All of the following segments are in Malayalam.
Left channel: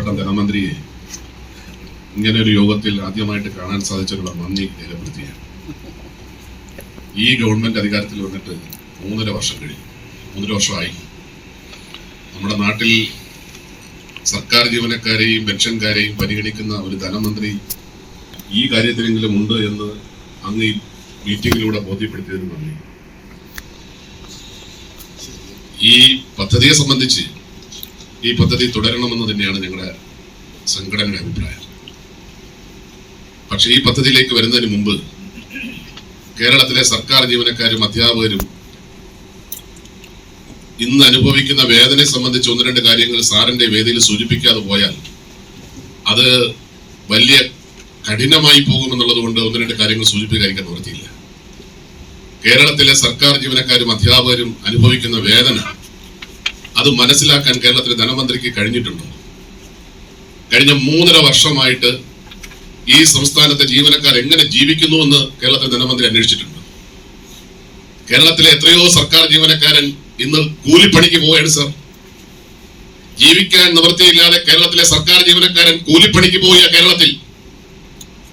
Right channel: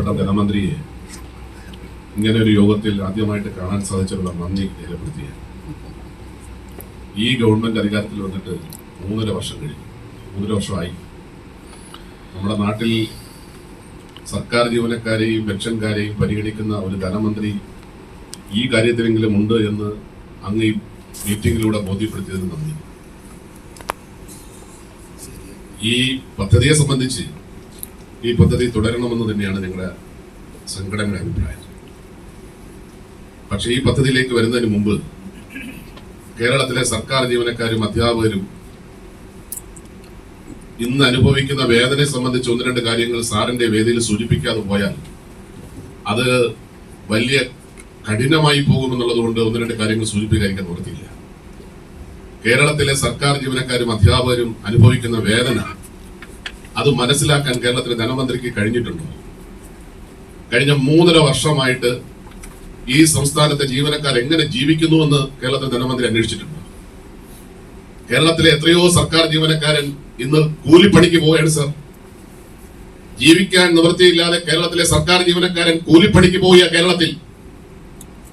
ബഹുമാനപ്പെട്ട ധനമന്ത്രിയെ ഇങ്ങനെ ഒരു യോഗത്തിൽ ആദ്യമായിട്ട് കാണാൻ സാധിച്ചതിനുള്ള നന്ദി രേഖപ്പെടുത്തിയാണ് ഈ ഗവൺമെന്റ് അധികാരത്തിൽ വന്നിട്ട് മൂന്നര വർഷം കഴിഞ്ഞു. മൂന്നര വർഷമായി. നമ്മുടെ നാട്ടിൽ സർക്കാർ ജീവനക്കാരെയും പെൻഷൻകാരെയും പരിഗണിക്കുന്ന ഒരു ധനമന്ത്രി ഈ കാര്യത്തിലെങ്കിലും ഉണ്ട് എന്ന് അങ്ങ് ഈ മീറ്റിംഗിലൂടെ ബോധ്യപ്പെടുത്തിയതിന് നന്ദി. ഈ പദ്ധതിയെ സംബന്ധിച്ച് ഈ പദ്ധതി തുടരണമെന്ന് തന്നെയാണ് ഞങ്ങളുടെ സംഘടനയുടെ അഭിപ്രായം. പക്ഷേ ഈ പദ്ധതിയിലേക്ക് വരുന്നതിന് മുമ്പ് കേരളത്തിലെ സർക്കാർ ജീവനക്കാരും അധ്യാപകരും ഇന്ന് അനുഭവിക്കുന്ന വേദനയെ സംബന്ധിച്ച് ഒന്ന് രണ്ട് കാര്യങ്ങൾ സാറിന്റെ വേദിയിൽ സൂചിപ്പിക്കാതെ പോയാൽ അത് വലിയ കഠിനമായി പോകുമെന്നുള്ളത് കൊണ്ട് ഒന്ന് രണ്ട് കാര്യങ്ങൾ സൂചിപ്പിക്കാതിരിക്കാൻ നിർത്തിയില്ല കേരളത്തിലെ സർക്കാർ ജീവനക്കാരും അധ്യാപകരും അനുഭവിക്കുന്ന വേദന അത് മനസ്സിലാക്കാൻ കേരളത്തിലെ ധനമന്ത്രിക്ക് കഴിഞ്ഞിട്ടുണ്ടോ? കഴിഞ്ഞ മൂന്നര വർഷമായിട്ട് ഈ സംസ്ഥാനത്തെ ജീവനക്കാർ എങ്ങനെ ജീവിക്കുന്നു എന്ന് കേരളത്തിലെ ധനമന്ത്രി അന്വേഷിച്ചിട്ടുണ്ട്. കേരളത്തിലെ എത്രയോ സർക്കാർ ജീവനക്കാരൻ ഇന്ന് കൂലിപ്പണിക്ക് പോവുകയാണ് സർ. ജീവിക്കാൻ നിവൃത്തിയില്ലാതെ കേരളത്തിലെ സർക്കാർ ജീവനക്കാരൻ കൂലിപ്പണിക്ക് പോയ കേരളത്തിൽ.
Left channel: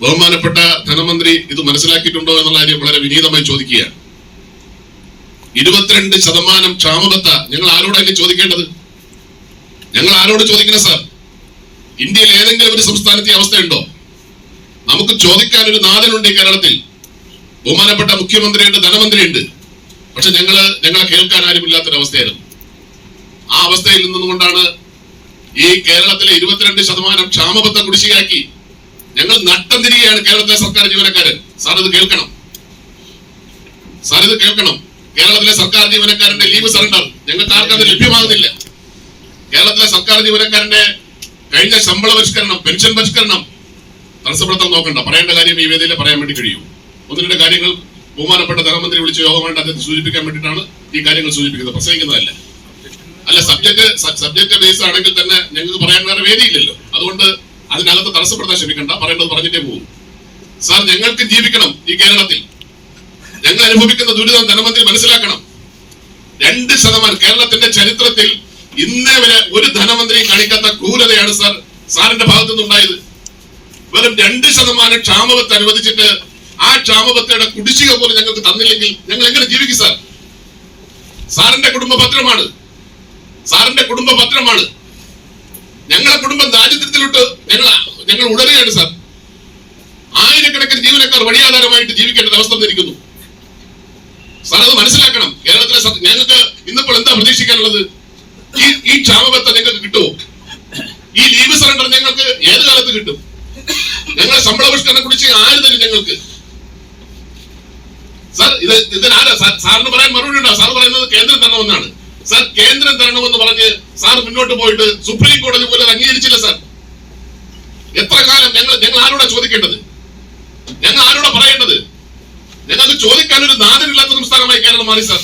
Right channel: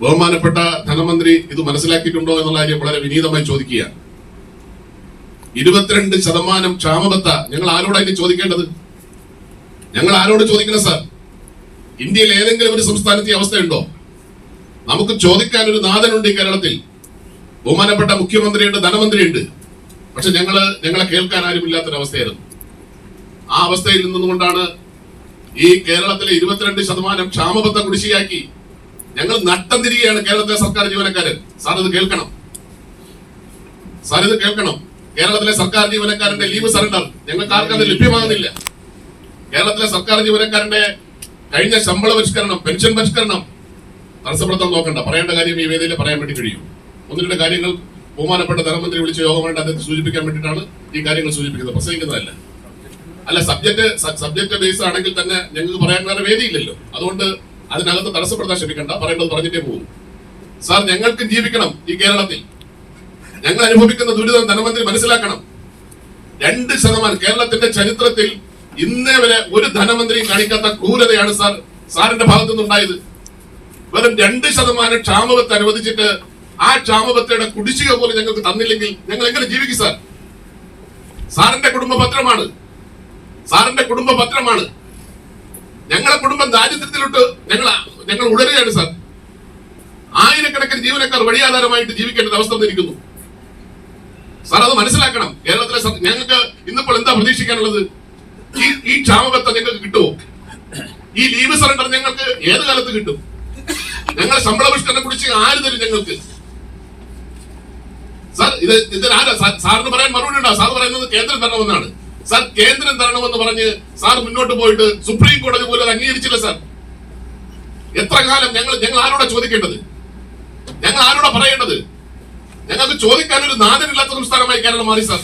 ബഹുമാനപ്പെട്ട ധനമന്ത്രി ഇത് മനസ്സിലാക്കിയിട്ടുണ്ടോ എന്നുള്ള കാര്യം വളരെ വിനീതമായി ചോദിക്കുകയാണ്. ഇരുപത്തിരണ്ട് ശതമാനം ക്ഷാമബത്ത ഞങ്ങൾ ഇനി ചോദിക്കേണ്ടത്? ഞങ്ങൾ ആരോട് ചോദിക്കണം സാർ? ഇന്ത്യയിൽ ഏതെങ്കിലും ഒരു സംസ്ഥാനത്തെ അവസ്ഥയുണ്ടോ? നമുക്ക് ചോദിക്കാൻ ഒരു നാഥനുണ്ട് ഈ കേരളത്തിൽ. ബഹുമാനപ്പെട്ട മുഖ്യമന്ത്രിയുണ്ട് ധനമന്ത്രിയുണ്ട്. പക്ഷെ ഞങ്ങൾ ഞങ്ങളെ കേൾക്കാൻ ആരുമില്ലാത്തൊരവസ്ഥയായിരുന്നു. ആ അവസ്ഥയിൽ നിന്നുകൊണ്ടാണ് ഈ കേരളത്തിലെ ഇരുപത്തിരണ്ട് ശതമാനം ക്ഷാമബത്ത കുടിശ്ശിയാക്കി ഞങ്ങൾ നട്ടം തിരികെയാണ് കേരളത്തിലെ സർക്കാർ ജീവനക്കാരൻ. സാർ ഇത് കേൾക്കണം. സാർ ഇത് കേൾക്കണം. കേരളത്തിലെ സർക്കാർ ജീവനക്കാരന്റെ ലീവ് സറണ്ടർ ഞങ്ങൾക്ക് ആർക്കും അത് ലഭ്യമാകുന്നില്ല. കേരളത്തിലെ സർക്കാർ ജീവനക്കാരന്റെ കഴിഞ്ഞ ശമ്പള പരിഷ്കരണം പെൻഷൻ പരിഷ്കരണം തടസ്സപ്പെടുത്താൻ നോക്കണ്ട. പറയേണ്ട കാര്യം ഈ വേദിയിൽ പറയാൻ വേണ്ടി കഴിയും. ഒന്ന് രണ്ട് കാര്യങ്ങൾ ബഹുമാനപ്പെട്ട ധനമന്ത്രി വിളിച്ച യോഗം വേണ്ട അദ്ദേഹത്തെ സൂചിപ്പിക്കാൻ വേണ്ടിയിട്ടാണ് ഈ കാര്യങ്ങൾ സൂചിപ്പിക്കുന്നത്. പ്രസംഗിക്കുന്നതല്ല. അല്ല സബ്ജക്ട് സബ്ജക്ട് ബേസ് ആണെങ്കിൽ തന്നെ ഞങ്ങൾക്ക് പറയാൻ വേറെ വേദിയില്ലല്ലോ. അതുകൊണ്ട് അതിനകത്ത് തടസ്സപ്പെടുത്താൻ ശ്രമിക്കണ്ട. പറയേണ്ടത് പറഞ്ഞിട്ടേ പോകും. സാർ ഞങ്ങൾക്ക് ജീവിക്കണം ഈ കേരളത്തിൽ. ഞങ്ങൾ അനുഭവിക്കുന്ന ദുരിതം ധനമന്ത്രി മനസ്സിലാക്കണം. രണ്ട് ശതമാനം കേരളത്തിന്റെ ചരിത്രത്തിൽ ഇന്നേ വരെ ഒരു ധനമന്ത്രി കാണിക്കാത്ത ക്രൂരതയാണ് സാർ സാറിന്റെ ഭാഗത്തു നിന്നുണ്ടായത് വെറും രണ്ട് ശതമാനം ക്ഷാമബത്ത് അനുവദിച്ചിട്ട് ആ ക്ഷാമബത്തയുടെ കുടിശ്ശിക പോലും ഞങ്ങൾക്ക് തന്നില്ലെങ്കിൽ ഞങ്ങൾ എങ്ങനെ ജീവിക്കും സാർ? സാറിന്റെ കുടുംബ പത്രമാണ്. സാറിന്റെ കുടുംബ പത്രമാണ്. ഞങ്ങളെ കുടുംബം ദാരിദ്ര്യത്തിലോട്ട് ഞങ്ങൾ ഞങ്ങൾ ഉടരുകയാണ് സാർ. ആയിരക്കണക്കിന് ജീവനക്കാർ വഴിയാധാരമായിട്ട് ജീവിക്കേണ്ട അവസ്ഥ വന്നിരിക്കുന്നു. സാർ അത് മനസ്സിലാക്കണം. കേരളത്തിലെ ഞങ്ങൾക്ക് ഇന്നിപ്പോൾ എന്താ പ്രതീക്ഷിക്കാനുള്ളത്? ഈ ഈ ക്ഷാമബത്ത ഞങ്ങൾക്ക് കിട്ടുമോ? ഈ ലീവ് സറണ്ടർ ഞങ്ങൾക്ക് ഏത് കാലത്ത് കിട്ടും? ഞങ്ങൾ ശമ്പള പരിഷ്കരണം കുടിച്ച് ആര് തരും ഞങ്ങൾക്ക്? സാർ ഇത് ഇതിനാരാ സാറിന് പറയാൻ മറുപടി ഉണ്ടോ? സാർ പറയുന്നത് കേന്ദ്രം തരണമെന്നാണ്. സാർ കേന്ദ്രം തരണമെന്ന് പറഞ്ഞ് സാർ മുന്നോട്ട് പോയിട്ട് സുപ്രീം കോടതി പോലും അംഗീകരിച്ചില്ല സാർ. എത്ര കാലം ഞങ്ങൾ ഞങ്ങൾ ആരോടാ ചോദിക്കേണ്ടത്? ഞങ്ങൾ ആരോടാ പറയേണ്ടത്? ഞങ്ങൾക്ക് ചോദിക്കാൻ ഒരു നാടിനില്ലാത്ത സംസ്ഥാനമായി കേരളം മാറി സാർ.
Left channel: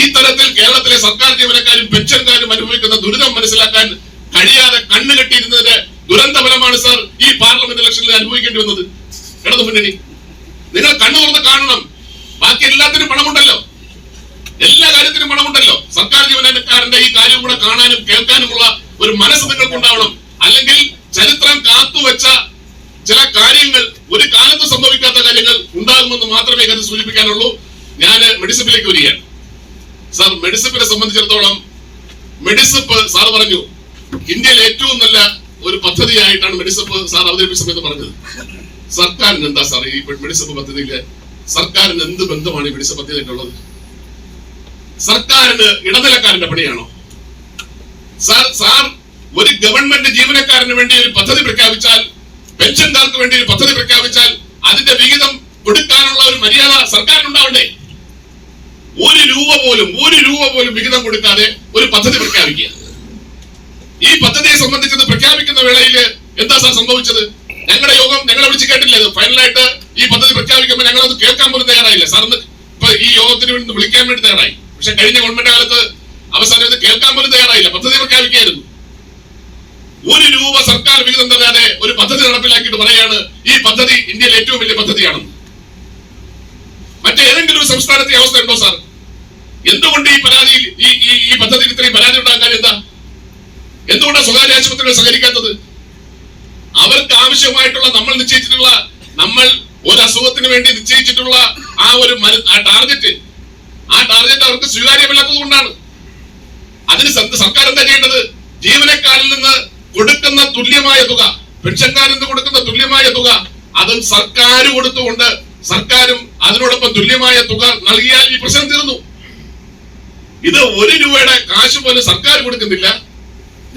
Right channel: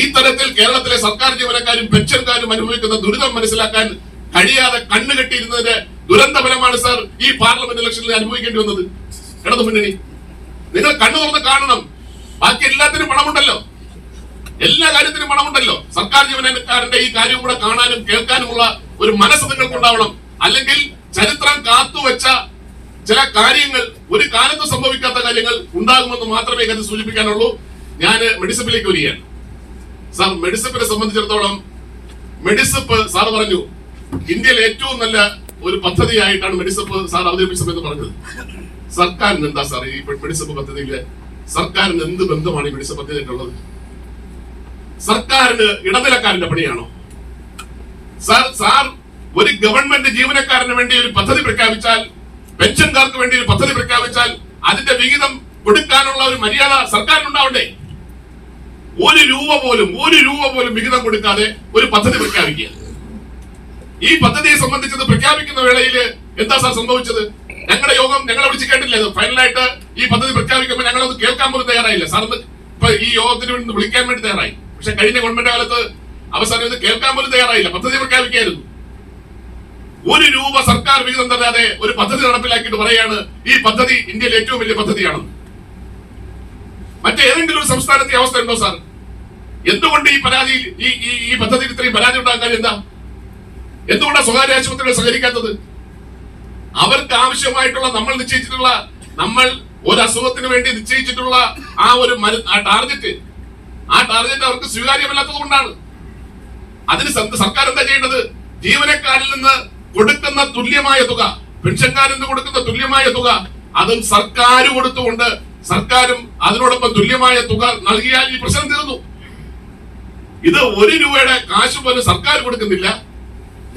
ഈ തരത്തിൽ കേരളത്തിലെ സർക്കാർ ജീവനക്കാരും പെൻഷൻകാരും അനുഭവിക്കുന്ന ദുരിതം മനസ്സിലാക്കാൻ കഴിയാതെ കണ്ണുകെട്ടിയിരുന്നതിന്റെ ദുരന്തഫലമാണ് സാർ ഈ പാർലമെന്റ് ഇലക്ഷനിൽ അനുഭവിക്കേണ്ടി വന്നത്. ഇടതു മുന്നണി. നിങ്ങൾ കണ്ണു തുറന്ന് കാണണം. ബാക്കി എല്ലാത്തിനും പണമുണ്ടല്ലോ. എല്ലാ കാര്യത്തിനും പണമുണ്ടല്ലോ. സർക്കാർ ജീവനക്കാരന്റെ ഈ കാര്യം കൂടെ കാണാനും കേൾക്കാനുമുള്ള ഒരു മനസ്സ് നിങ്ങൾക്ക് ഉണ്ടാവണം. അല്ലെങ്കിൽ ചരിത്രം കാത്തുവെച്ച ചില കാര്യങ്ങൾ ഒരു കാലത്ത് സംഭവിക്കാത്ത കാര്യങ്ങൾ ഉണ്ടാകുമെന്ന് മാത്രമേ ഇത് സൂചിപ്പിക്കാനുള്ളൂ. ഞാൻ മെഡിസിപ്പിലേക്ക് വരികയാണ്. സാർ മെഡിസിപ്പിനെ സംബന്ധിച്ചിടത്തോളം മെഡിസിപ്പ് സാർ പറഞ്ഞു ഇന്ത്യയിൽ ഏറ്റവും നല്ല ഒരു പദ്ധതിയായിട്ടാണ് മെഡിസിപ്പ് സാർ അവതരിപ്പിച്ചത് സമയത്ത് പറഞ്ഞത്. സർക്കാരിന് എന്താ സാർ ഈ മെഡിസിപ്പ് പദ്ധതിയിൽ സർക്കാരിന് എന്ത് ബന്ധമാണ് ഈ മെഡിസിപ്പ് പദ്ധതിയായിട്ടുള്ളത് സർക്കാരിന് ഇടനിലക്കാരന്റെ പണിയാണോ? സാർ സാർ ഒരു ഗവൺമെന്റ് ജീവനക്കാരന് വേണ്ടി ഒരു പദ്ധതി പ്രഖ്യാപിച്ചാൽ പെൻഷൻകാർക്ക് വേണ്ടി ഒരു പദ്ധതി പ്രഖ്യാപിച്ചാൽ അതിന്റെ വിഹിതം കൊടുക്കാനുള്ള ഒരു മര്യാദ സർക്കാരിനുണ്ടാവണ്ടേ? ഒരു രൂപ പോലും ഒരു രൂപ പോലും വിഹിതം കൊടുക്കാതെ ഒരു പദ്ധതി പ്രഖ്യാപിക്കുക. ഈ പദ്ധതിയെ സംബന്ധിച്ചത് പ്രഖ്യാപിക്കുന്ന വേളയിൽ എന്താ സാർ സംഭവിച്ചത്? ഞങ്ങളുടെ യോഗം ഞങ്ങളെ വിളിച്ച് കേട്ടില്ല ഫൈനലായിട്ട് ഈ പദ്ധതി പ്രഖ്യാപിക്കുമ്പോൾ ഞങ്ങളത് കേൾക്കാൻ പോലും തയ്യാറായില്ല. സാർ ഇപ്പൊ ഈ യോഗത്തിന് വേണ്ടി വിളിക്കാൻ വേണ്ടി തയ്യാറായി. പക്ഷെ കഴിഞ്ഞ ഗവൺമെന്റ് കാലത്ത് അവസാനം ഇത് കേൾക്കാൻ പോലും തയ്യാറായില്ല. പദ്ധതി പ്രഖ്യാപിക്കായിരുന്നു ഒരു രൂപ സർക്കാർ വിഹിതം തരാതെ ഒരു പദ്ധതി നടപ്പിലാക്കിയിട്ട് പറയാണ് ഈ പദ്ധതി ഇന്ത്യയിലെ ഏറ്റവും വലിയ പദ്ധതിയാണ്. മറ്റേതെങ്കിലും ഒരു സംസ്ഥാനത്തെ അവസ്ഥ ഉണ്ടോ സാർ? എന്തുകൊണ്ട് ഈ പരാതി ഈ ഈ ഇത്രയും പരാതി ഉണ്ടാകാൻ കാര്യം എന്താ? എന്തുകൊണ്ടാണ് സ്വകാര്യ ആശുപത്രികൾ സഹകരിക്കാത്തത്? അവർക്ക് ആവശ്യമായിട്ടുള്ള നമ്മൾ നിശ്ചയിച്ചിട്ടുള്ള നമ്മൾ ഒരു അസുഖത്തിന് വേണ്ടി നിശ്ചയിച്ചിട്ടുള്ള ആ ഒരു ആ ടാർഗറ്റ് ആ ടാർഗറ്റ് അവർക്ക് സ്വീകാര്യമല്ലാത്തത് കൊണ്ടാണ്. അതിന് സർക്കാർ എന്താ ചെയ്യേണ്ടത്? ജീവനക്കാരിൽ നിന്ന് കൊടുക്കുന്ന തുല്യമായ തുക പെൻഷൻകാരന് കൊടുക്കുന്ന തുല്യമായ തുക അതും സർക്കാർ കൊടുത്തുകൊണ്ട് സർക്കാരും അതിനോടൊപ്പം തുല്യമായ തുക നൽകിയാൽ ഈ പ്രശ്നം തീർന്നു. ഇത് ഒരു രൂപയുടെ കാശ് പോലും സർക്കാർ കൊടുക്കുന്നില്ല.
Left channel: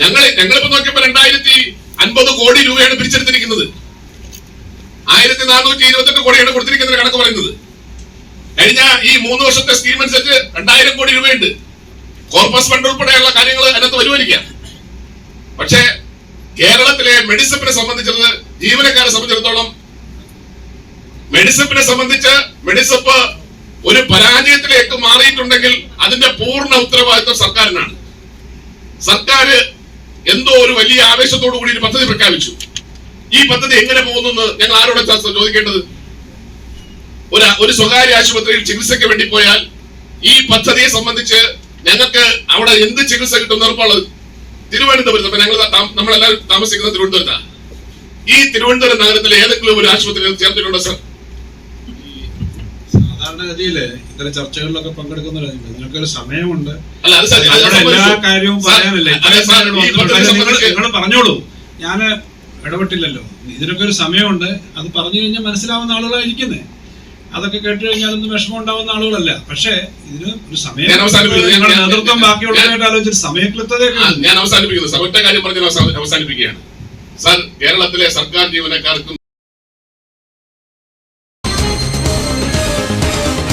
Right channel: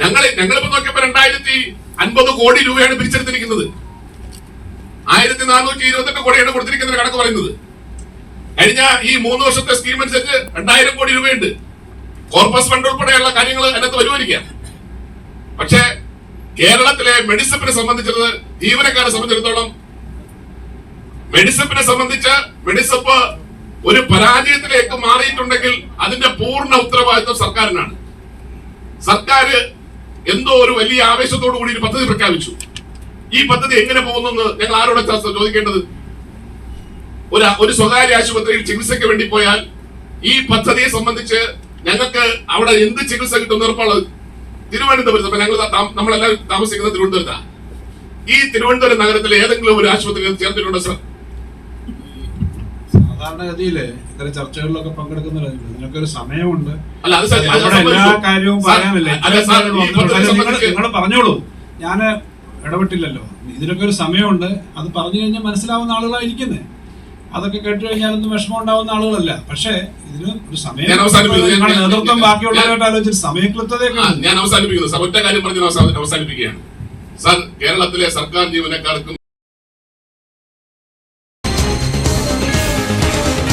ഞങ്ങൾ ഞങ്ങളിപ്പോ നോക്കിയപ്പോ രണ്ടായിരത്തി അൻപത് കോടി രൂപയാണ് പിരിച്ചെടുത്തിരിക്കുന്നത്. ആയിരത്തി നാനൂറ്റി ഇരുപത്തെട്ട് കോടിയാണ് കൊടുത്തിരിക്കുന്നത് കണക്ക് പറയുന്നത്. കഴിഞ്ഞ ഈ മൂന്ന് വർഷത്തെ സ്കീം അനുസരിച്ച് രണ്ടായിരം കോടി രൂപയുണ്ട്. കോർപ്പസ് ഫണ്ട് ഉൾപ്പെടെയുള്ള കാര്യങ്ങൾ അതിനകത്ത് വരുമായിരിക്കാം പക്ഷേ കേരളത്തിലെ മെഡിസപ്പിനെ സംബന്ധിച്ചത് ജീവനക്കാരെ സംബന്ധിച്ചിടത്തോളം മെഡിസപ്പിനെ സംബന്ധിച്ച് മെഡിസപ്പ് ഒരു പരാജയത്തിലേക്ക് മാറിയിട്ടുണ്ടെങ്കിൽ അതിന്റെ പൂർണ ഉത്തരവാദിത്വം സർക്കാരിനാണ്. സർക്കാർ എന്തോ ഒരു വലിയ ആവേശത്തോടു കൂടി ഒരു പദ്ധതി പ്രഖ്യാപിച്ചു. ഈ പദ്ധതി എങ്ങനെ പോകുന്നു ഞങ്ങൾ ആരോടെ ചോദിക്കേണ്ടത്? ഒരു ഒരു സ്വകാര്യ ആശുപത്രിയിൽ ചികിത്സയ്ക്ക് വേണ്ടി പോയാൽ ഈ പദ്ധതിയെ സംബന്ധിച്ച് ഞങ്ങൾക്ക് അവിടെ എന്ത് ചികിത്സ കിട്ടും ഉറപ്പുള്ളത് തിരുവനന്തപുരത്ത് ഇപ്പൊ ഞങ്ങൾ നമ്മളെല്ലാവരും താമസിക്കുന്നത് തിരുവനന്തപുരത്താണ് ഈ തിരുവനന്തപുരം നഗരത്തിലെ ഏതെങ്കിലും ഒരു ആശുപത്രിയിൽ ചേർത്തിട്ടുണ്ടോ സർ? സാധാരണഗതിയിൽ ഇത്തരം ചർച്ചകളിലൊക്കെ പങ്കെടുക്കുന്ന നിങ്ങൾക്ക് ഒരു സമയമുണ്ട് എല്ലാ കാര്യവും പറയാനല്ലേ. നിങ്ങൾ പറഞ്ഞോളൂ. ഞാൻ ഇടപെട്ടില്ലല്ലോ. ഇതിനൊക്കെ ഒരു സമയമുണ്ട്. അത് പറഞ്ഞു കഴിഞ്ഞാൽ മനസ്സിലാവുന്ന ആളുകളായിരിക്കുന്നേ. അതൊക്കെ കേട്ട് കഴിഞ്ഞാലൊന്നും വിഷമം ഉണ്ടാവുന്ന ആളുകളല്ല. പക്ഷേ ഇതിന് ഒരു സമയം ഞങ്ങളുടെ നേതൃത്വം ബാക്കിയുള്ളതായിട്ട് ആലോചിച്ച് സമയക്ലിപ്തതയൊക്കെ ആ, ഞാൻ അവസാനിപ്പിക്കുന്നു. സമയത്തെ കാര്യം പറഞ്ഞ് അവസാനിപ്പിക്കുകയാണ്. സാർ കേരളത്തിലെ സർക്കാർ ജീവനക്കാർക്കും